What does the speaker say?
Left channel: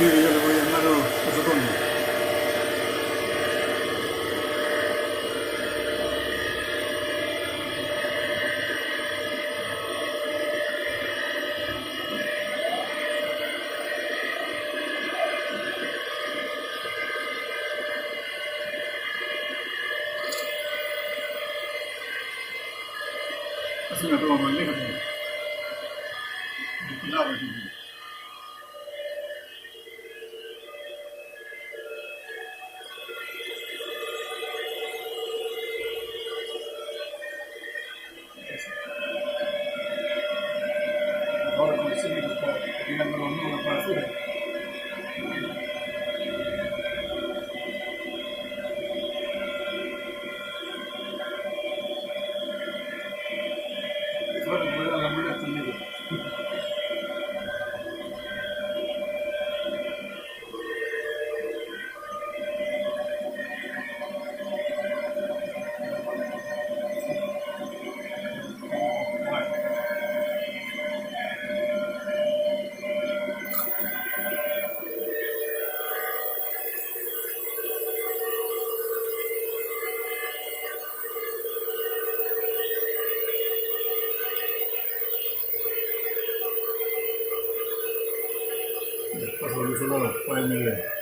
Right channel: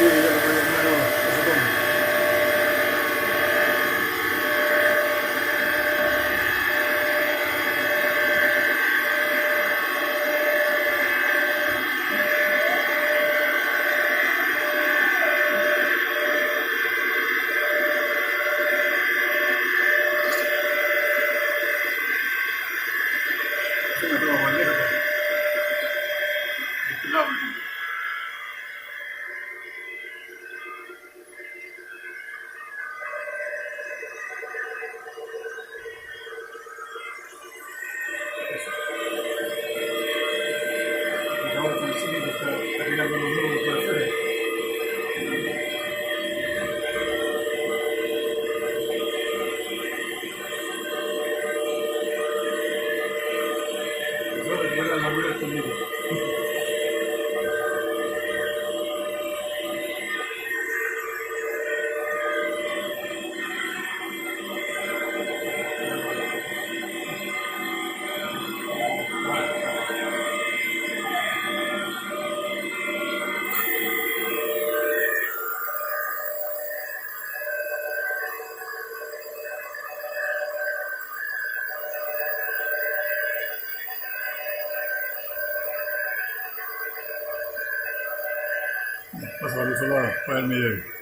Sí, dígame, mi hermano José Antonio. Es una toma magnética. Cuidado, ahora consigue que está tirando los nudos para afuera. Empezó a recuperar la muela conmigo. Pasa por el otro lado, para el medio.